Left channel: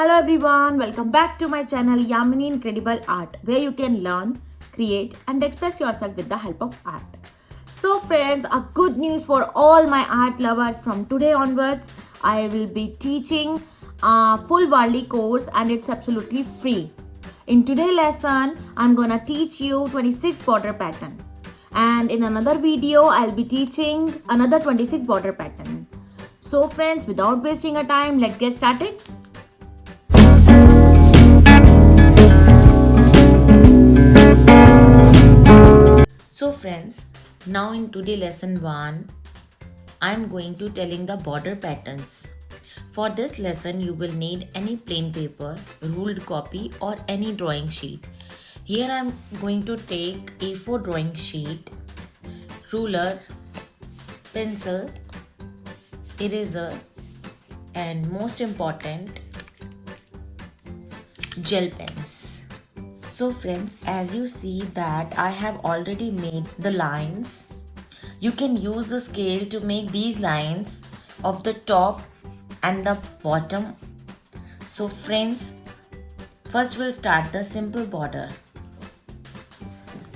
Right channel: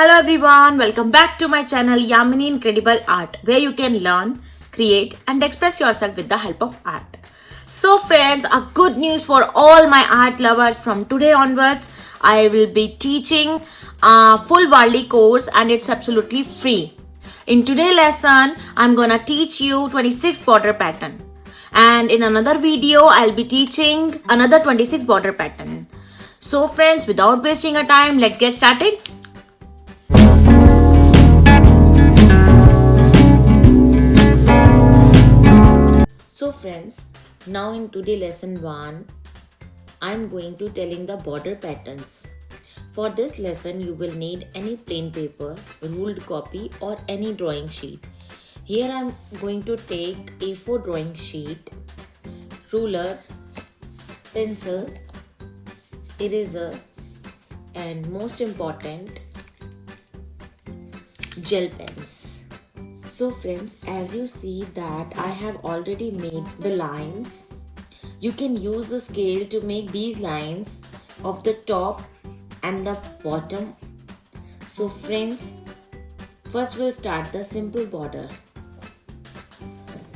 Hello everyone, welcome back to my channel Yamini Incredible Art, where you can learn, create and express yourself with the help of art. So friends, a good news for all my art lovers. From today onwards, I will be teaching a full Varli course and it's absolutely free. In today's lesson, I'm gonna teach you 26 border pattern. And in another video, I'll be teaching another 26 border pattern. So friends, without wasting a time, let's get started. So friends, now in today lesson 1, I am going to telling the border patterns. For this lesson, you will need any plain paper, ruled copy or any drawing sheet. Here I am going to take A4 drawing sheet, ruler, pencil, eraser and most important, gel pens. So friends, as you see that I have already made the lines. You can use a scale to make these lines of the top and the bottom. So friends, first we'll start the simple border.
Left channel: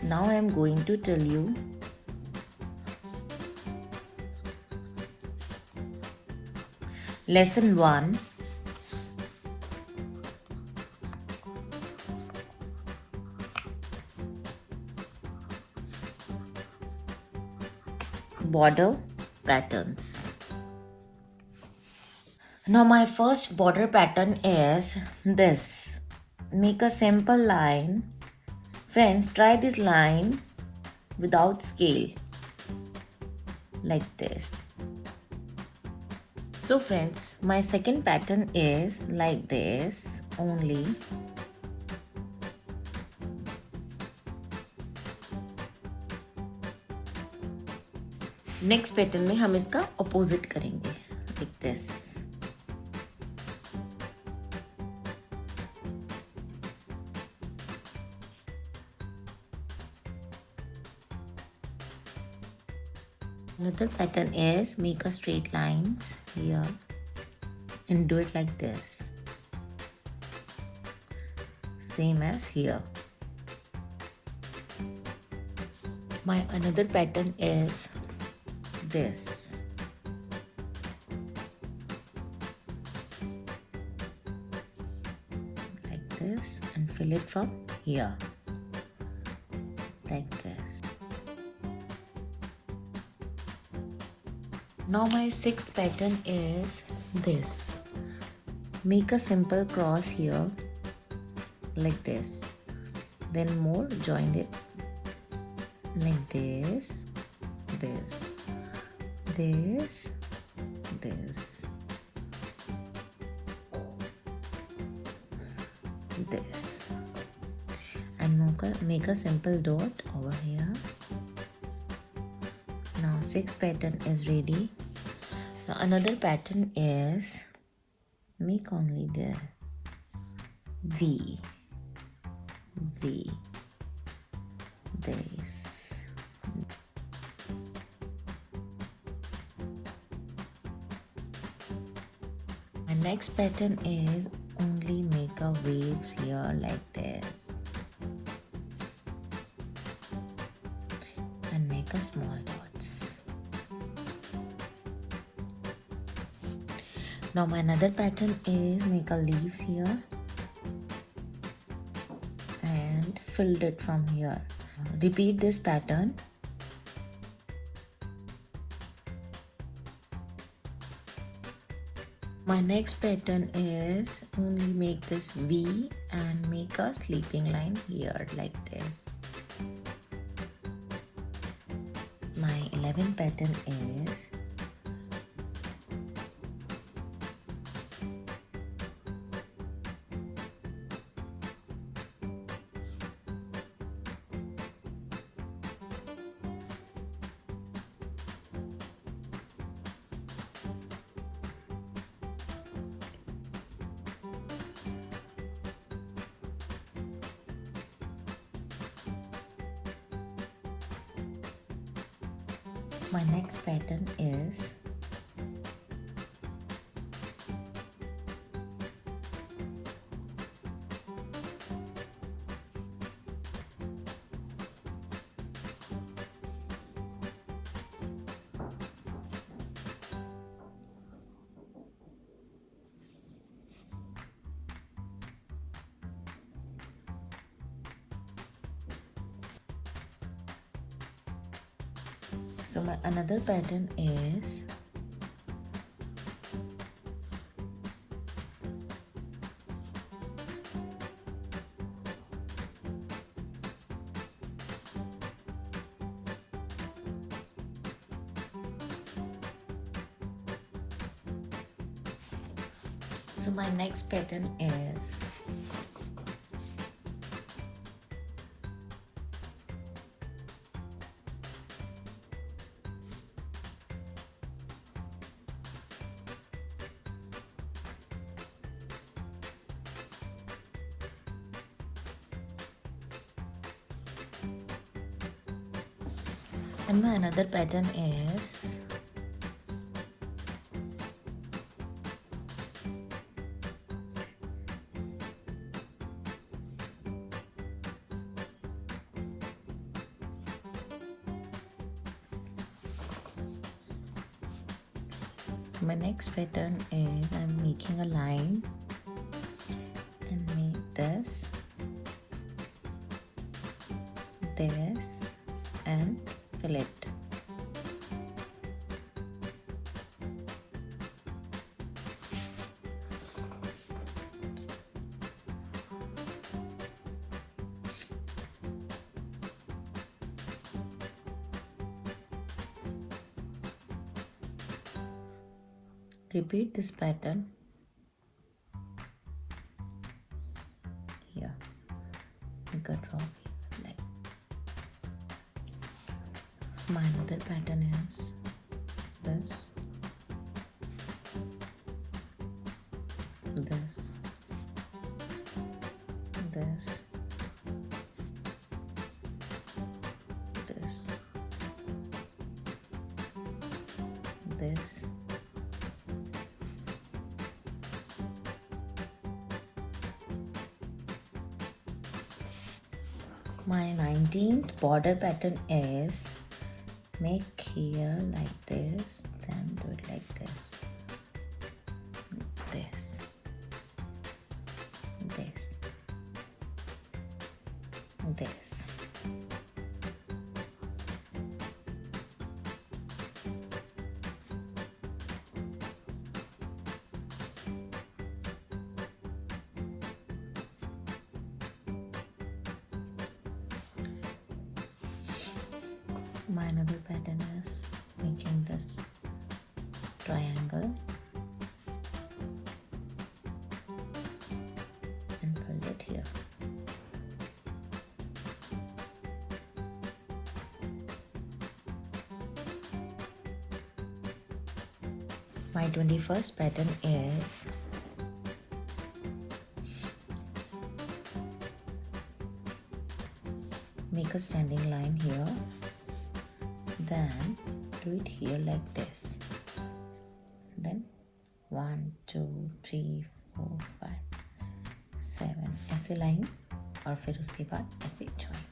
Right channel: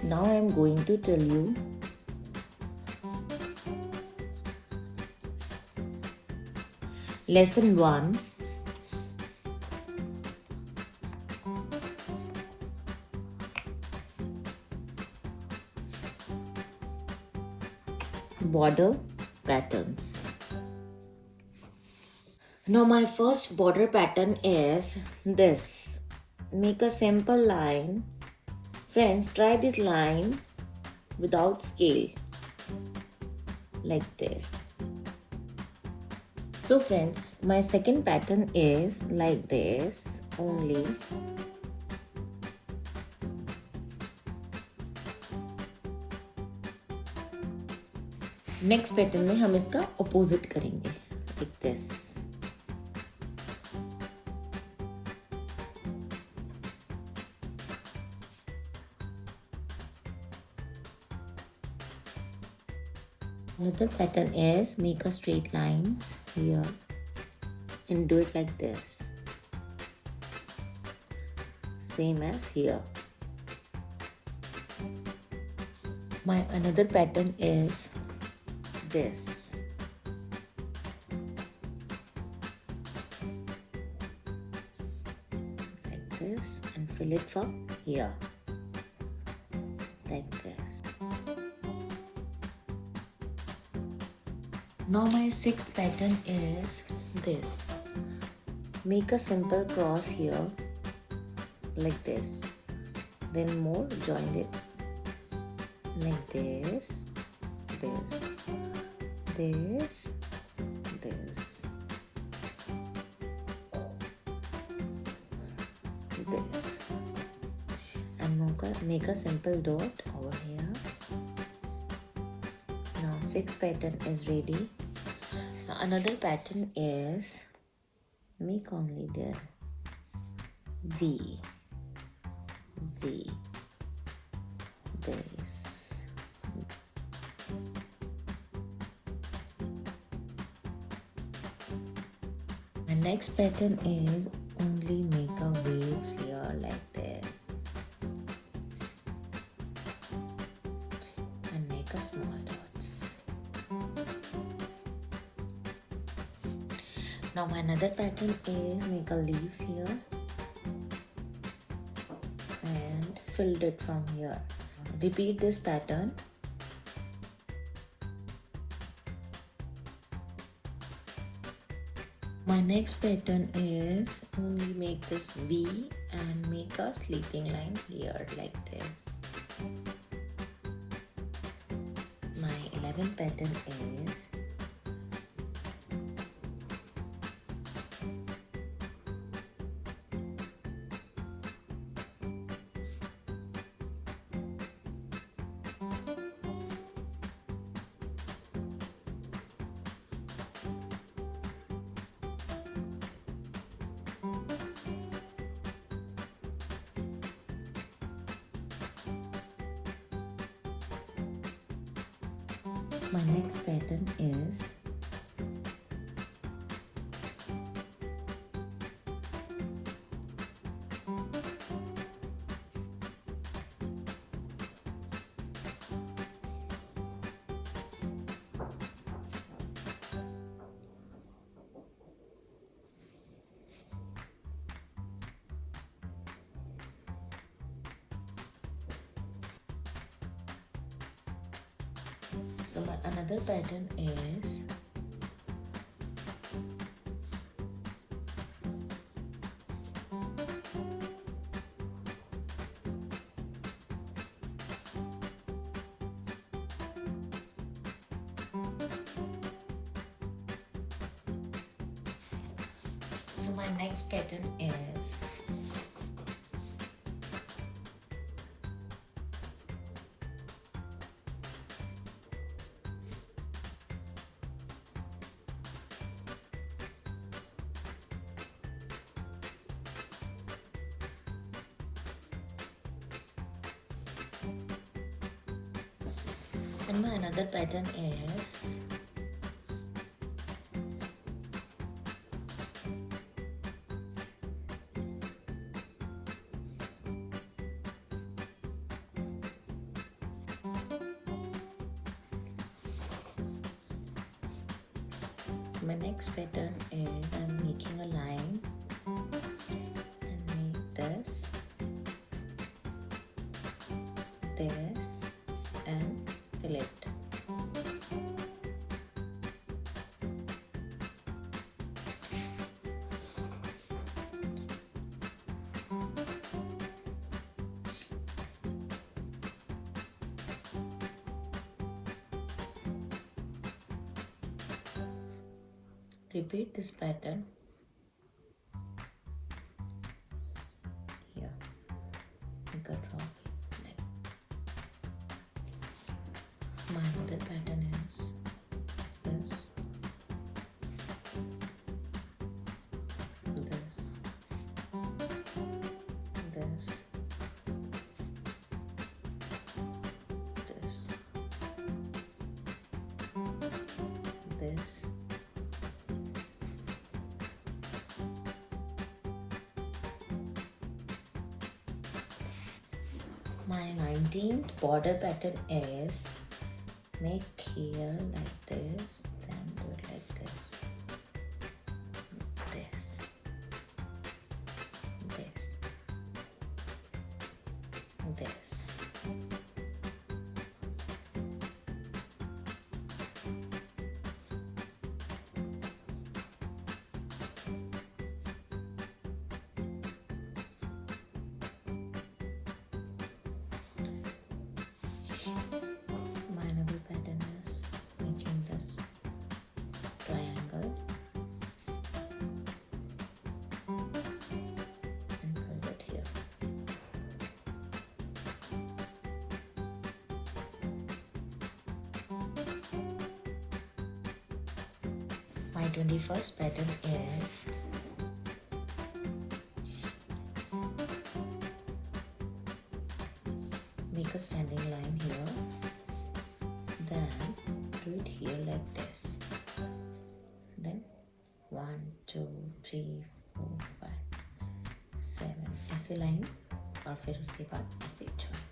Now I am going to tell you lesson 1. Border patterns. Now my first border pattern is this. Make a simple line. Friends, try this line without scale like this. So friends, my second pattern is like this only. Next pattern में हम इसका opposite करेंगे like this. Another pattern is make a straight lines here and do it like this. Same as here. My another pattern is this. Like this and fill it from here. Like this. Now my sixth pattern is this. Make a simple cross here like this. Then more join it like this. This and make a simple dot over here. Now sixth pattern is ready. Now another pattern is make only the V, this. My next pattern is only make a waves here like this and make a small dots. Now my another pattern is make a leaves here and fill it from here. Repeat this pattern. My next pattern is only make this V and make a sleeping line here like this. My 11th pattern is my next pattern is Another pattern is so my next pattern is and my another pattern is my next pattern is I'm making a line and make this, and fill it. Repeat this pattern here. Make a drop like my other pattern is this, this, this, this, this. My 19th border pattern is make here like this, then do it like this, this, this, this. My another pattern is making this triangle and put it here. My 21st pattern is make a standing line here, then do it here like this, then 1 2 3 4 5 7 ऐसे line और फिर उसके बाद ऐसे join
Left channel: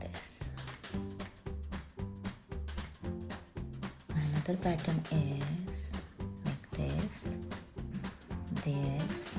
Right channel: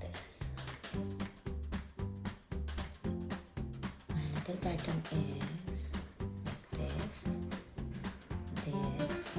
this. Another pattern is like this, this, this,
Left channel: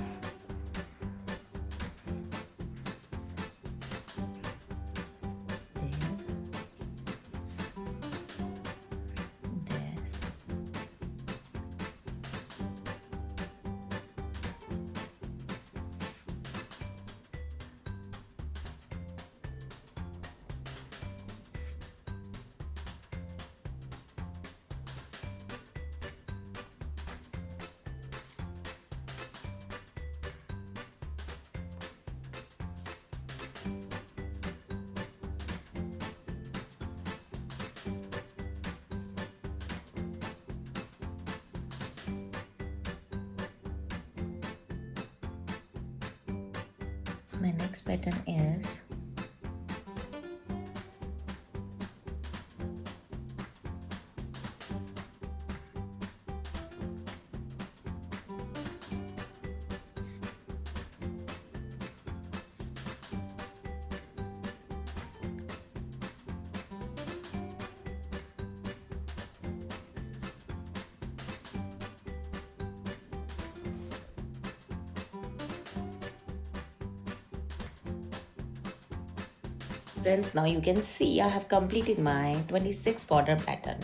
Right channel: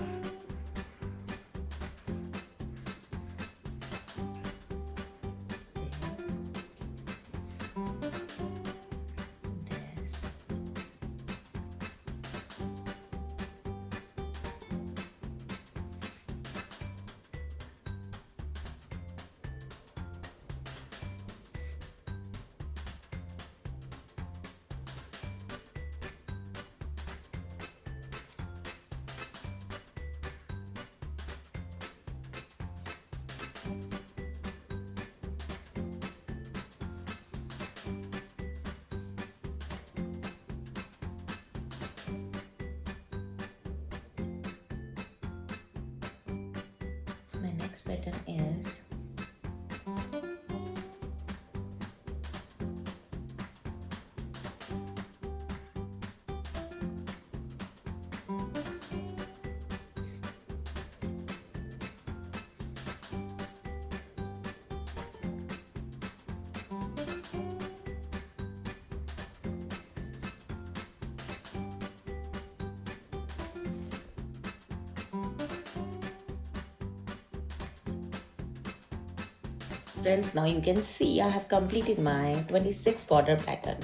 my next pattern is Friends, now you can see I have completed my 26 border pattern.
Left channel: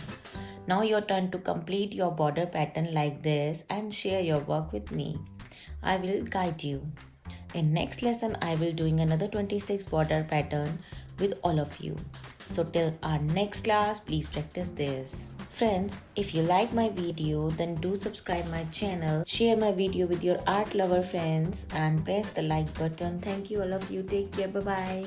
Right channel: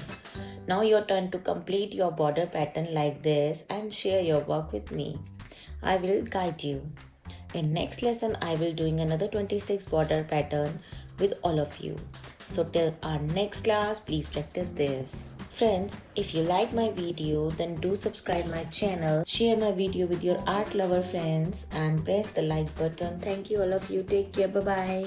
Now your turn to complete your border pattern like this and share your work with me. I will guide you. In next lesson, I will doing another 26 border pattern with all of you. So till our next class, please practice this. Friends, if you like my video, then do subscribe my channel, share my video with your art lover friends and press the like button. Thank you all of you. Take care. Bye bye.